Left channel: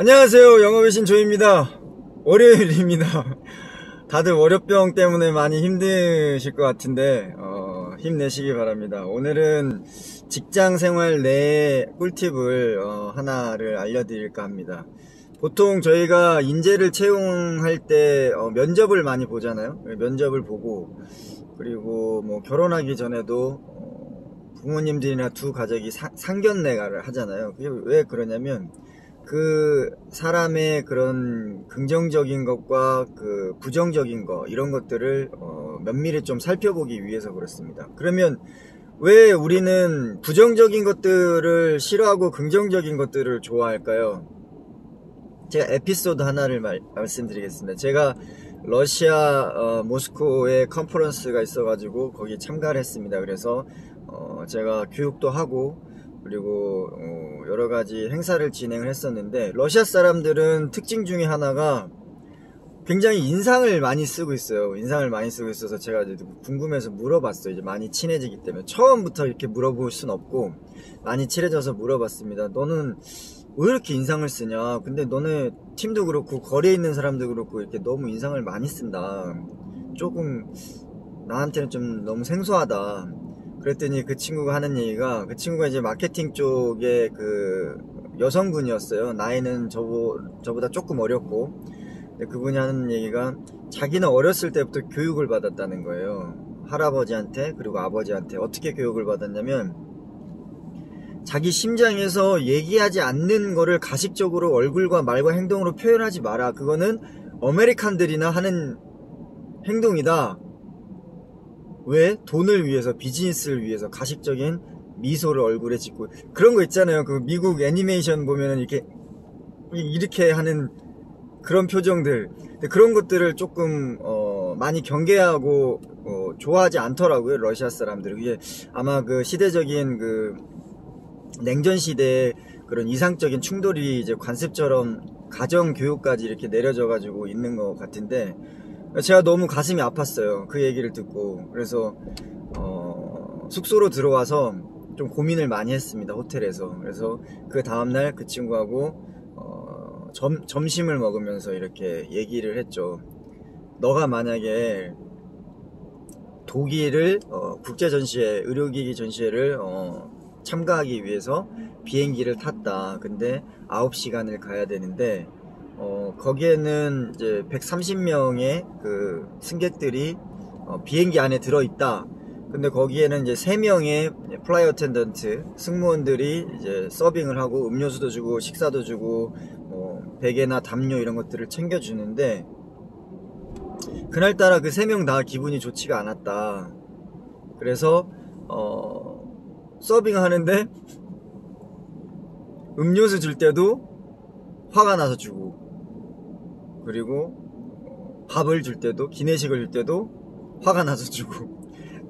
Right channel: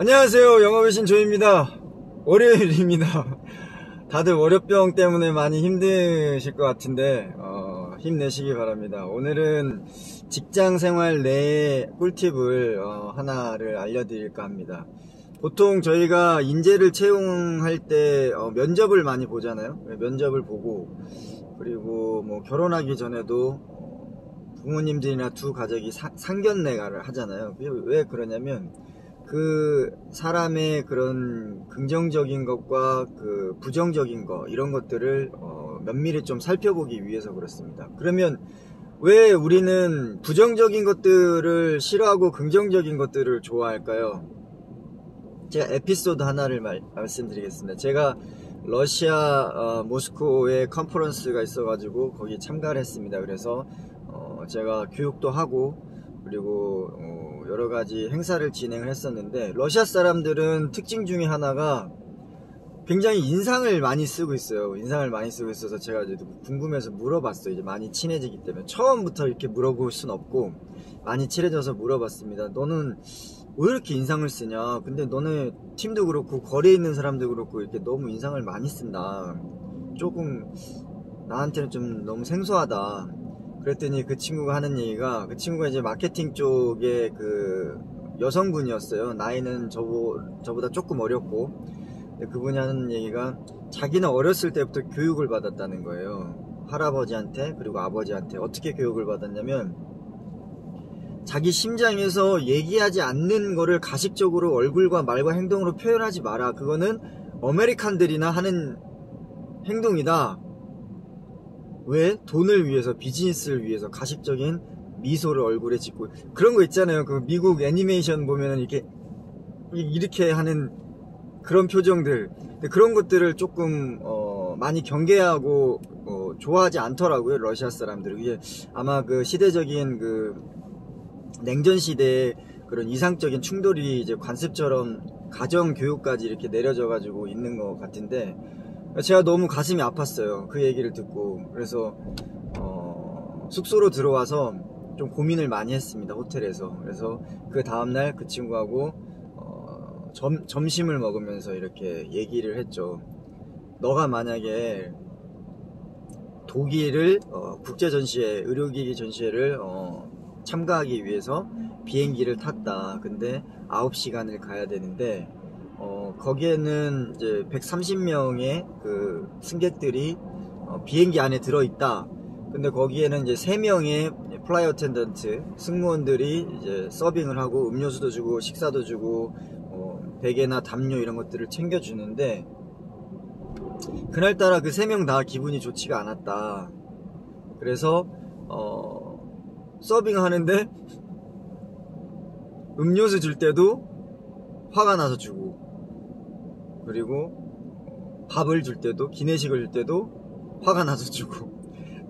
안녕하세요. 영업의 신 조입니다. 월요일입니다. 다들 월요병 때문에 많이 힘드실 것 같은데 힘내시기 바랍니다. 오늘은 직장생활 내 꿀팁을 하나를 알려드릴까 합니다. 보통 저희가 인재를 채용할 때 면접을 많이 보잖아요. 면접을 보고, 그리고 뭐 결혼하기 전에도 부모님들이나 두 가족이 상견례를 하잖아요. 그게 왜 그러냐면 그 사람의 그런 긍정적인 것과 그 부정적인 것, 이런 것들을 면밀히 좀 살펴보기 위해서 그렇습니다. 그러면 왜 우리는 부정적인 것들을 싫어하고 긍정적인 것들을 좋아할까요? 제가 에피소드 하나를 말씀드리겠습니다. 제가 러시아 모스크바에 컨퍼런스가 있어가지고 거기 참가를 했습니다. 그래서 제가 교육도 하고, 그리고 여러가지 행사를 진행을 했었는데, 러시아 사람들은 특징 중에 하나가 굉장히 인상을 많이 쓰고 있어요. 인상을 많이 쓰고 있어서 제가 이제 궁금해서 물어봤어요. 이제 많이 친해지기 때문에 처음부터 이렇게 물어볼 순 없고 많이 친해져서 물어봤습니다. 너는 왜 이렇게 인상을 쓰냐? 근데 너네 팀도 그렇고 거리에 있는 사람도 그렇고 이렇게 너무 인상을 많이 쓴다. 조금 나한테는 좀 너무 생소하다. 그랬더니 그 친구가 하는 얘기가, 그 친구가 이제 마케팅 쪽에 그 여성분이었어요. 나이는 저보다 조금 어렸고, 근데 그분이 하는 얘기가 자기는 어렸을 때부터 교육을 받았다는 거예요. 할아버지한테, 그리고 아버지한테. 어떻게 교육을 받았냐면, 자기 심장에서 얘기하지 않는 거를 가식적으로 얼굴과 말과 행동으로 표현하지 마라. 그거는 아메리칸들이나 하는 행동이다. 왜? 돈을 위해서, 비즈니스를 위해서 가식적인 미소를 얼굴에 짓고, 그런 거 있잖아요. 그 미국 애니메이션 보면은 이렇게 하는 그런 표정들, 그런 것들을 조금 많이 경계하고 좋아하지 않더라고요, 러시아 사람들은. 그게 아마 그 시대적인 그 냉전 시대의 그런 이상적인 충돌이 이제 관습처럼 가정 교육까지 이렇게 내려져 가지고 있는 것 같은데, 제가 너무 가슴이 아팠어요, 그 얘기를 듣고. 그래서 숙소로 들어와서 좀 고민을 많이 했습니다, 호텔에서. 그래서 그 다음날 그 친구하고 점심을 먹으면서 이렇게 얘기를 했죠. 너가 만약에 독일을 국제전시회, 의료기기 전시회를 참가하기 위해서 비행기를 탔다. 근데 9시간을 가야 되는데 거기에는 이제 130명의 그 승객들이 비행기 안에 들어있다. 근데 거기에는 이제 3명의 플라이 어텐던트 승무원들이 이제 서빙을 하고 음료수도 주고 식사도 주고 베개나 담요 이런 것들을 챙겨주는데, 그날따라 그 3명 다 기분이 좋지가 않았다. 그래서 서빙 하는데 음료수 줄 때도 화가 나서 주고, 그리고 밥을 줄 때도, 기내식을 줄 때도 화가 나서 주고,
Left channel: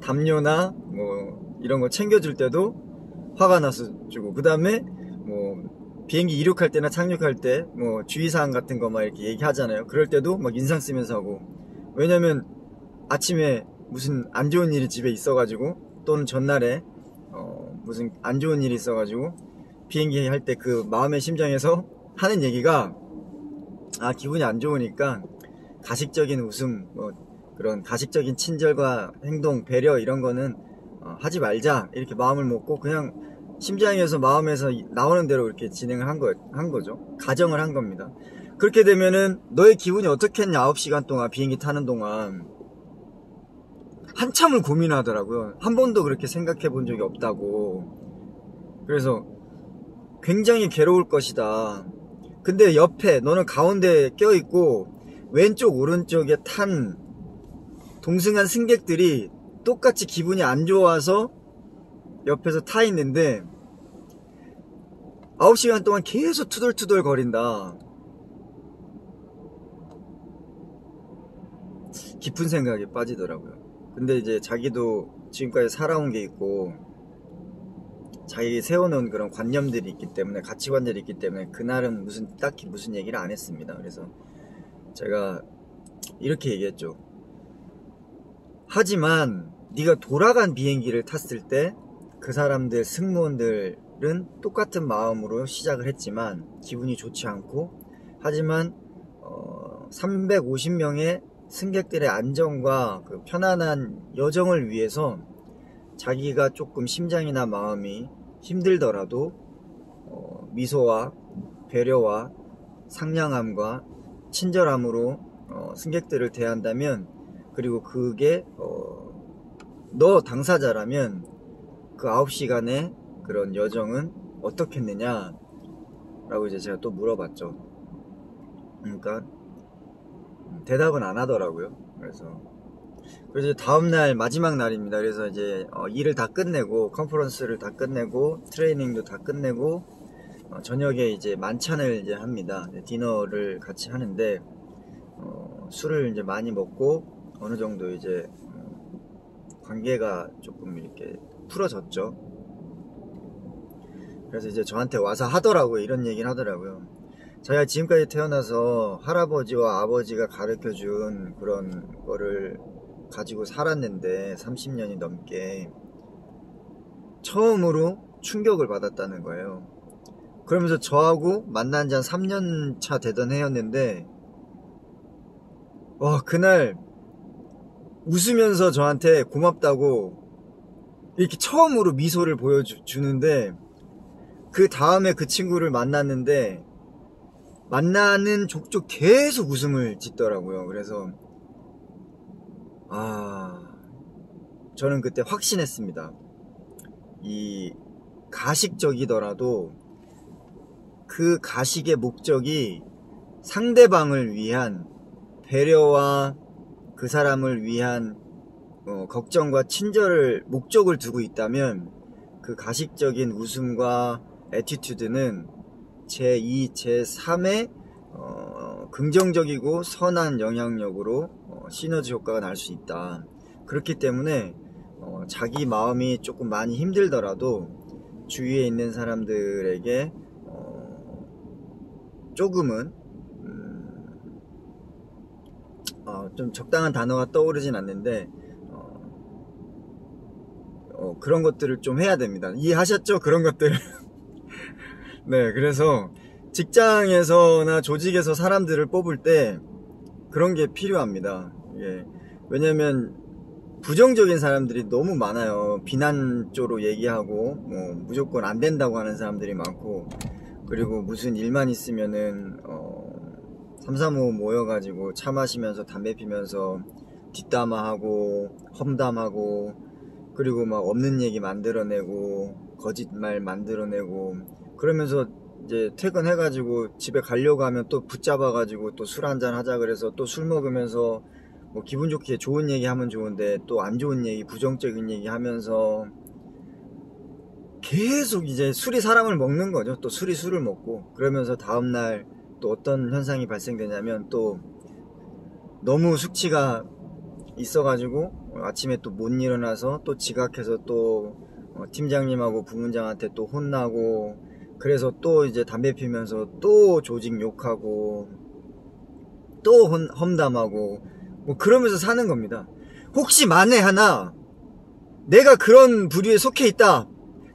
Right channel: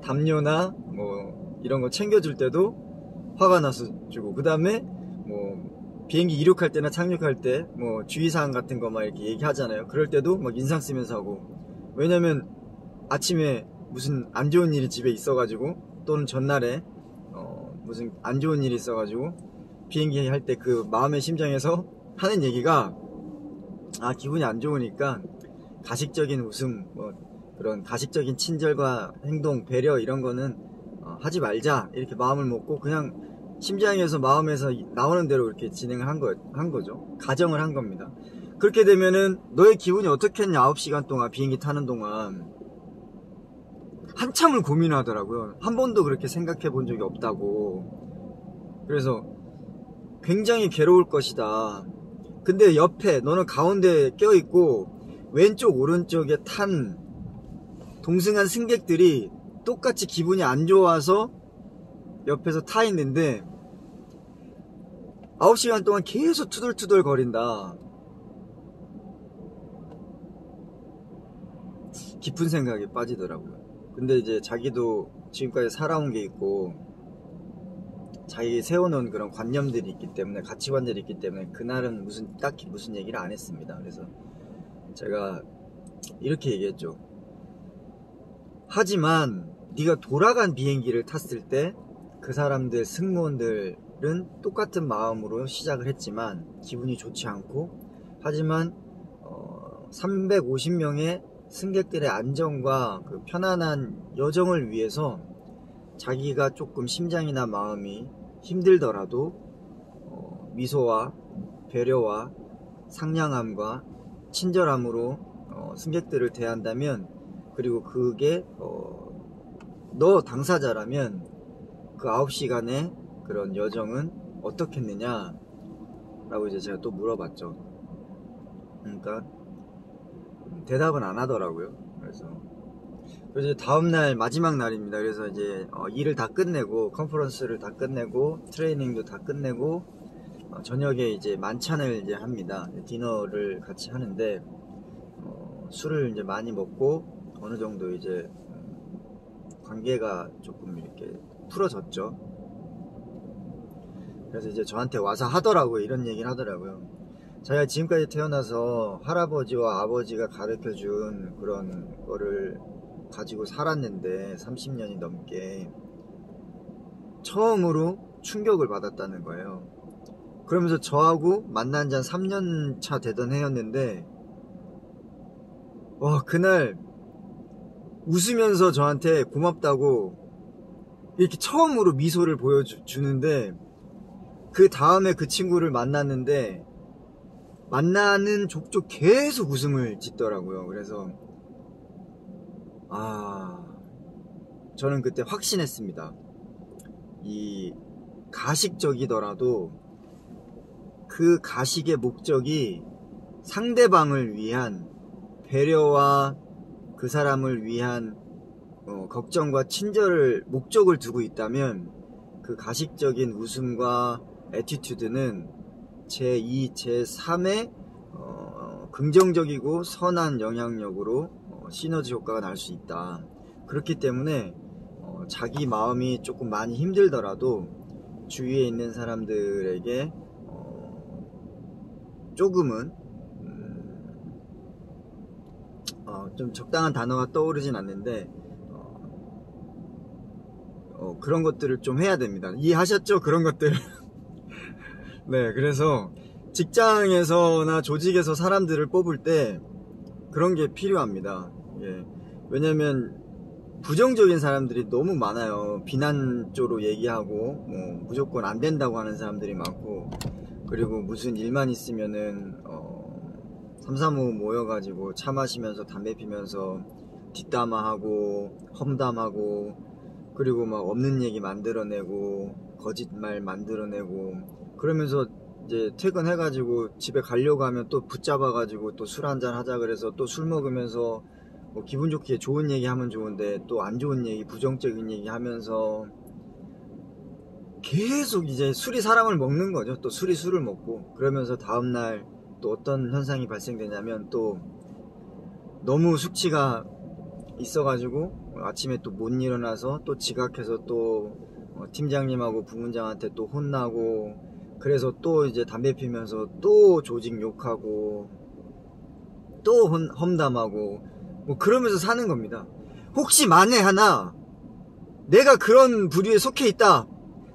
담요나 뭐 이런 거 챙겨줄 때도 화가 나서 주고, 그 다음에 뭐 비행기 이륙할 때나 착륙할 때 뭐 주의사항 같은 거 막 이렇게 얘기하잖아요. 그럴 때도 막 인상 쓰면서 하고. 왜냐면 아침에 무슨 안 좋은 일이 집에 있어가지고, 또는 전날에 무슨 안 좋은 일이 있어가지고 비행기 할 때 그 마음의 심장에서 하는 얘기가, 기분이 안 좋으니까 가식적인 웃음, 뭐 그런 가식적인 친절과 행동, 배려 이런 거는 하지 말자. 이렇게 마음을 먹고 그냥 심장에서, 마음에서 나오는 대로 이렇게 진행을 한 거죠. 가정을 한 겁니다. 그렇게 되면은 너의 기분이 어떻겠냐. 9시간 동안 비행기 타는 동안 한참을 고민하더라고요. 한 번도 그렇게 생각해 본 적이 없다고. 그래서 굉장히 괴로울 것이다. 근데 옆에 너는 가운데 껴있고 왼쪽 오른쪽에 탄 동승한 승객들이 똑같이 기분이 안 좋아서 옆에서 타 있는데 9시간 동안 계속 투덜투덜 거린다. 깊은 생각에 빠지더라고요. 근데 이제 자기도 지금까지 살아온 게 있고 자기 세워놓은 그런 관념들이 있기 때문에, 가치관들이 있기 때문에 그날은 딱히 무슨 얘기를 안 했습니다. 그래서 제가 이렇게 얘기했죠. 하지만 네가 돌아간 비행기를 탔을 때 그 사람들, 승무원들 똑같은 마음으로 시작을 했지만 기분이 좋지 않고, 하지만 350명의 승객들의 안전과 그 편안한 여정을 위해서 자기가 조금 심장이나 마음이 힘들더라도 미소와 배려와 상냥함과 친절함으로 승객들을 대한다면, 그리고 그게 너 당사자라면 그 9시간의 그런 여정은 어떻겠느냐 라고 이제 제가 또 물어봤죠. 그러니까 대답은 안 하더라고요. 그래서 이제 다음날 마지막 날입니다. 그래서 이제 일을 다 끝내고, 컨퍼런스를 다 끝내고, 트레이닝도 다 끝내고, 저녁에 이제 만찬을 이제 합니다. 디너를 같이 하는데, 술을 이제 많이 먹고 어느 정도 이제 관계가 조금 이렇게 풀어졌죠. 그래서 이제 저한테 와서 하더라고요. 이런 얘기를 하더라고요. 자기가 지금까지 태어나서 할아버지와 아버지가 가르쳐준 그런 거를 가지고 살았는데 30년이 넘게 처음으로 충격을 받았다는 거예요. 그러면서 저하고 만난 지 한 3년 차 되던 해였는데, 와, 그날 웃으면서 저한테 고맙다고 이렇게 처음으로 미소를 보여주는데, 그 다음에 그 친구를 만났는데 만나는 족족 계속 웃음을 짓더라고요. 그래서 저는 그때 확신했습니다. 이 가식적이더라도 그 가식의 목적이 상대방을 위한 배려와 그 사람을 위한 걱정과 친절을 목적을 두고 있다면, 그 가식적인 웃음과 애티튜드는 제2, 제3의 긍정적이고 선한 영향력으로 시너지 효과가 날 수 있다. 그렇기 때문에 자기 마음이 조금 많이 힘들더라도 주위에 있는 사람들에게 조금은 좀 적당한 단어가 떠오르진 않는데 그런 것들을 좀 해야 됩니다. 이해하셨죠? 그런 것들. 네, 그래서 직장에서나 조직에서 사람들을 뽑을 때 그런 게 필요합니다. 예. 왜냐면 부정적인 사람들이 너무 많아요. 비난 쪽으로 얘기하고 무조건 안 된다고 하는 사람들이 많고, 그리고 무슨 일만 있으면은 3, 4, 5 모여가지고 차 마시면서 담배 피면서 뒷담화하고 험담하고, 그리고 막 없는 얘기 만들어내고 거짓말 만들어내고, 그러면서 이제 퇴근해가지고 집에 가려고 하면 또 붙잡아가지고 또 술 한잔 하자 그래서 또 술 먹으면서 뭐 기분 좋게 좋은 얘기 하면 좋은데 또 안 좋은 얘기, 부정적인 얘기 하면서 계속 이제 술이 사람을 먹는 거죠. 또 술이 술을 먹고, 그러면서 다음날 또 어떤 현상이 발생되냐면, 또 너무 숙취가 있어가지고 아침에 또 못 일어나서 또 지각해서 또 팀장님하고 부문장한테 또 혼나고, 그래서 또 이제 담배 피면서 또 조직 욕하고 또 험담하고 뭐 그러면서 사는 겁니다. 혹시 만에 하나 내가 그런 부류에 속해 있다,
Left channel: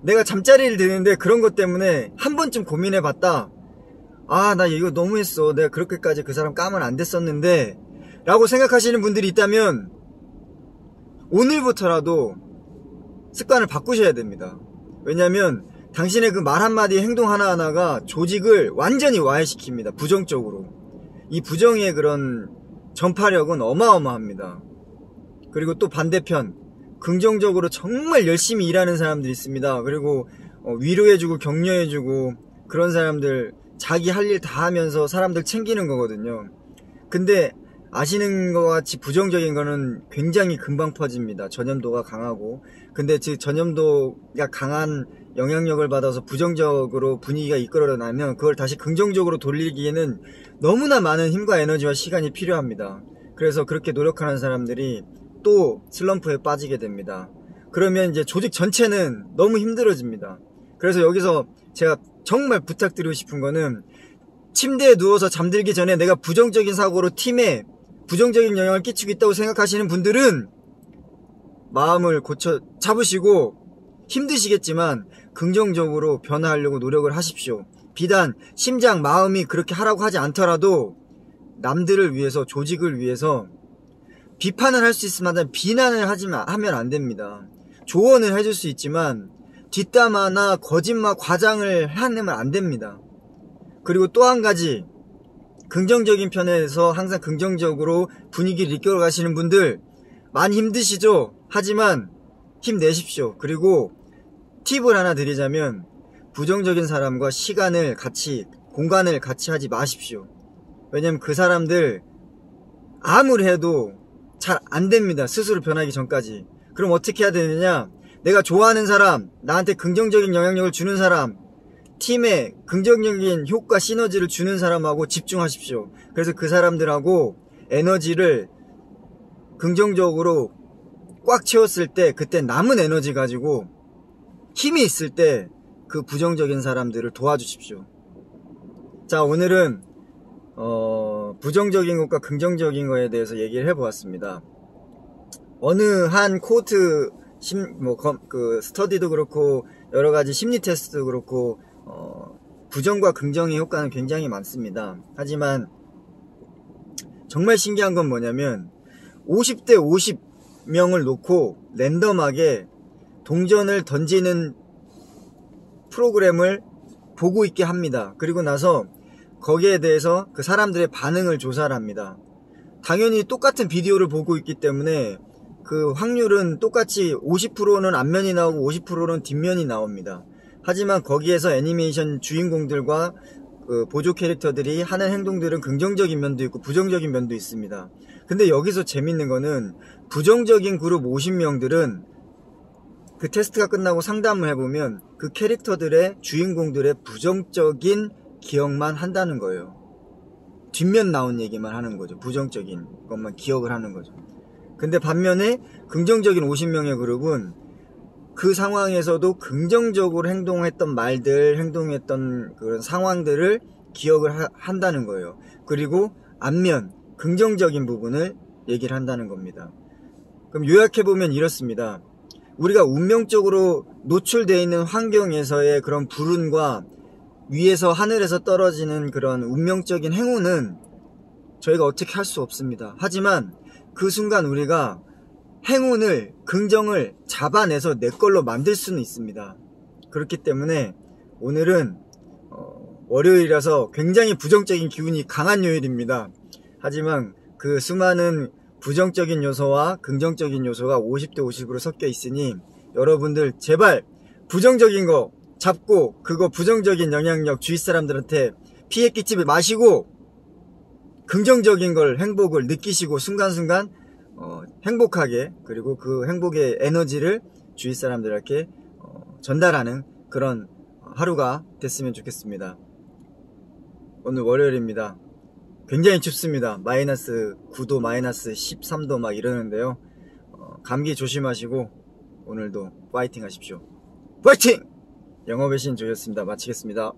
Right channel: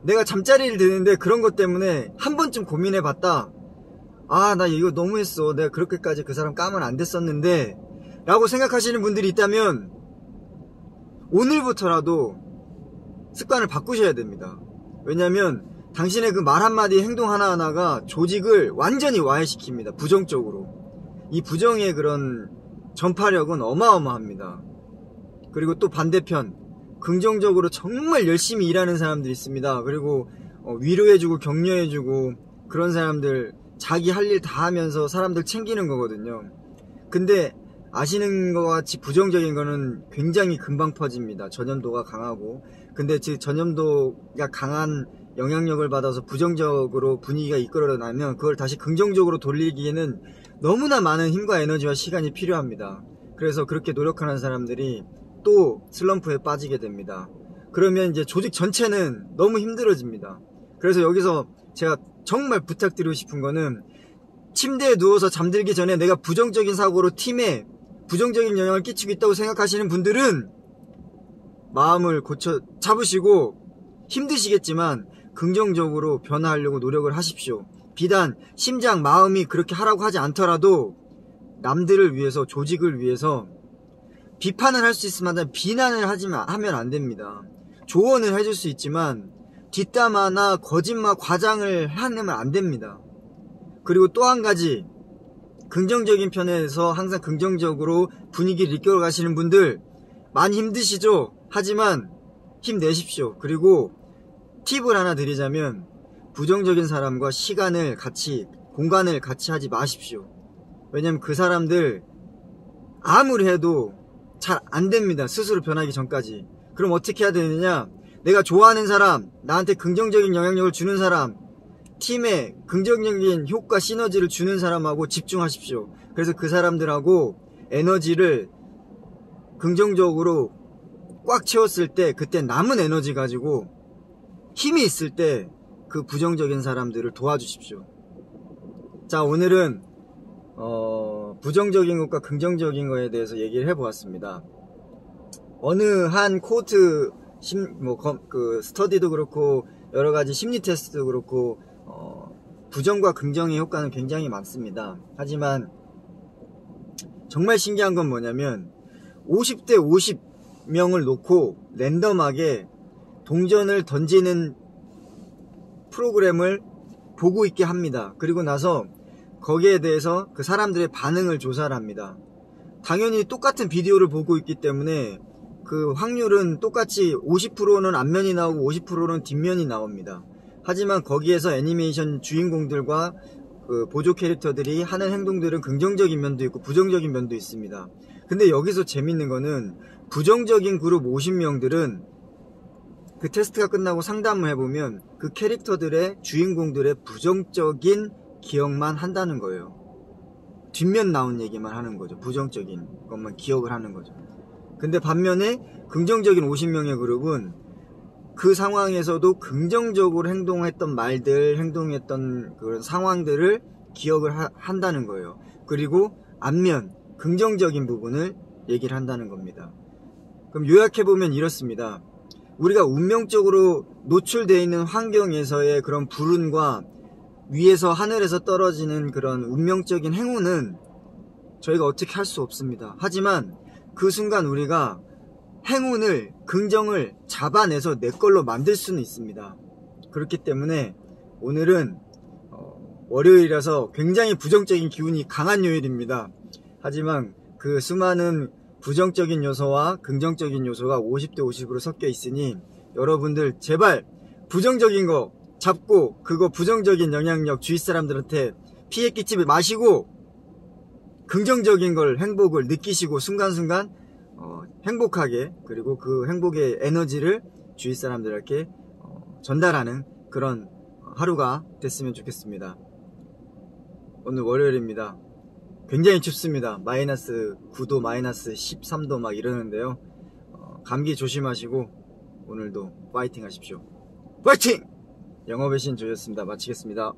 내가 잠자리를 드는데 그런 것 때문에 한 번쯤 고민해 봤다, 나 이거 너무했어, 내가 그렇게까지 그 사람 까면 안 됐었는데 라고 생각하시는 분들이 있다면 오늘부터라도 습관을 바꾸셔야 됩니다. 왜냐면 당신의 그 말 한마디, 행동 하나하나가 조직을 완전히 와해시킵니다. 부정적으로. 이 부정의 그런 전파력은 어마어마합니다. 그리고 또 반대편, 긍정적으로 정말 열심히 일하는 사람들이 있습니다. 그리고 위로해주고 격려해주고, 그런 사람들 자기 할 일 다 하면서 사람들 챙기는 거거든요. 근데 아시는 것 같이 부정적인 거는 굉장히 금방 퍼집니다. 전염도가 강하고. 근데 그 전염도가 강한 영향력을 받아서 부정적으로 분위기가 이끌어나면 그걸 다시 긍정적으로 돌리기에는 너무나 많은 힘과 에너지와 시간이 필요합니다. 그래서 그렇게 노력하는 사람들이 또 슬럼프에 빠지게 됩니다. 그러면 이제 조직 전체는 너무 힘들어집니다. 그래서 여기서 제가 정말 부탁드리고 싶은 거는, 침대에 누워서 잠들기 전에 내가 부정적인 사고로 팀에 부정적인 영향을 끼치고 있다고 생각하시는 분들은 마음을 고쳐 잡으시고, 힘드시겠지만 긍정적으로 변화하려고 노력을 하십시오. 비단 심장, 마음이 그렇게 하라고 하지 않더라도 남들을 위해서, 조직을 위해서 비판을 할 수 있으면 비난을 하면 안 됩니다. 조언을 해줄 수 있지만 뒷담화나 거짓말, 과장을 해내면 안 됩니다. 그리고 또 한 가지, 긍정적인 편에서 항상 긍정적으로 분위기를 이끌어 가시는 분들 많이 힘드시죠? 하지만 힘내십시오. 그리고 팁을 하나 드리자면 부정적인 사람과 시간을 같이, 공간을 같이 하지 마십시오. 왜냐면 그 사람들 아무리 해도 잘 안 됩니다. 스스로 변하기 전까지. 그럼 어떻게 해야 되느냐? 내가 좋아하는 사람, 나한테 긍정적인 영향력을 주는 사람, 팀에 긍정적인 효과, 시너지를 주는 사람하고 집중하십시오. 그래서 그 사람들하고 에너지를 긍정적으로 꽉 채웠을 때, 그때 남은 에너지 가지고 힘이 있을 때 그 부정적인 사람들을 도와주십시오. 자, 오늘은 부정적인 것과 긍정적인 것에 대해서 얘기를 해보았습니다. 어느 한 코트 스터디도 그렇고 여러가지 심리 테스트도 그렇고 부정과 긍정의 효과는 굉장히 많습니다. 하지만 정말 신기한 건 뭐냐면 50대 50명을 놓고 랜덤하게 동전을 던지는 프로그램을 보고 있게 합니다. 그리고 나서 거기에 대해서 그 사람들의 반응을 조사를 합니다. 당연히 똑같은 비디오를 보고 있기 때문에 그 확률은 똑같이 50%는 앞면이 나오고 50%는 뒷면이 나옵니다. 하지만 거기에서 애니메이션 주인공들과 그 보조 캐릭터들이 하는 행동들은 긍정적인 면도 있고 부정적인 면도 있습니다. 근데 여기서 재밌는 거는 부정적인 그룹 50명들은 그 테스트가 끝나고 상담을 해보면 그 캐릭터들의, 주인공들의 부정적인 기억만 한다는 거예요. 뒷면 나온 얘기만 하는 거죠. 부정적인 것만 기억을 하는 거죠. 근데 반면에 긍정적인 50명의 그룹은 그 상황에서도 긍정적으로 행동했던 말들, 행동했던 그런 상황들을 기억을 한다는 거예요. 그리고 앞면, 긍정적인 부분을 얘기를 한다는 겁니다. 그럼 요약해보면 이렇습니다. 우리가 운명적으로 노출되어 있는 환경에서의 그런 불운과 위에서 하늘에서 떨어지는 그런 운명적인 행운은 저희가 어떻게 할 수 없습니다. 하지만 그 순간 우리가 행운을, 긍정을 잡아내서 내 걸로 만들 수는 있습니다. 그렇기 때문에 오늘은 월요일이라서 굉장히 부정적인 기운이 강한 요일입니다. 하지만 그 수많은 부정적인 요소와 긍정적인 요소가 50대 50으로 섞여 있으니 여러분들 제발 부정적인 거 잡고 그거 부정적인 영향력 주위 사람들한테 피해 끼치지 마시고 긍정적인 걸, 행복을 느끼시고 순간순간 행복하게, 그리고 그 행복의 에너지를 주위 사람들에게 전달하는 그런 하루가 됐으면 좋겠습니다. 오늘 월요일입니다. 굉장히 춥습니다. 마이너스 9도, 마이너스 13도 막 이러는데요. 감기 조심하시고 오늘도 파이팅 하십시오. 파이팅! 영업의 신 조였습니다. 마치겠습니다.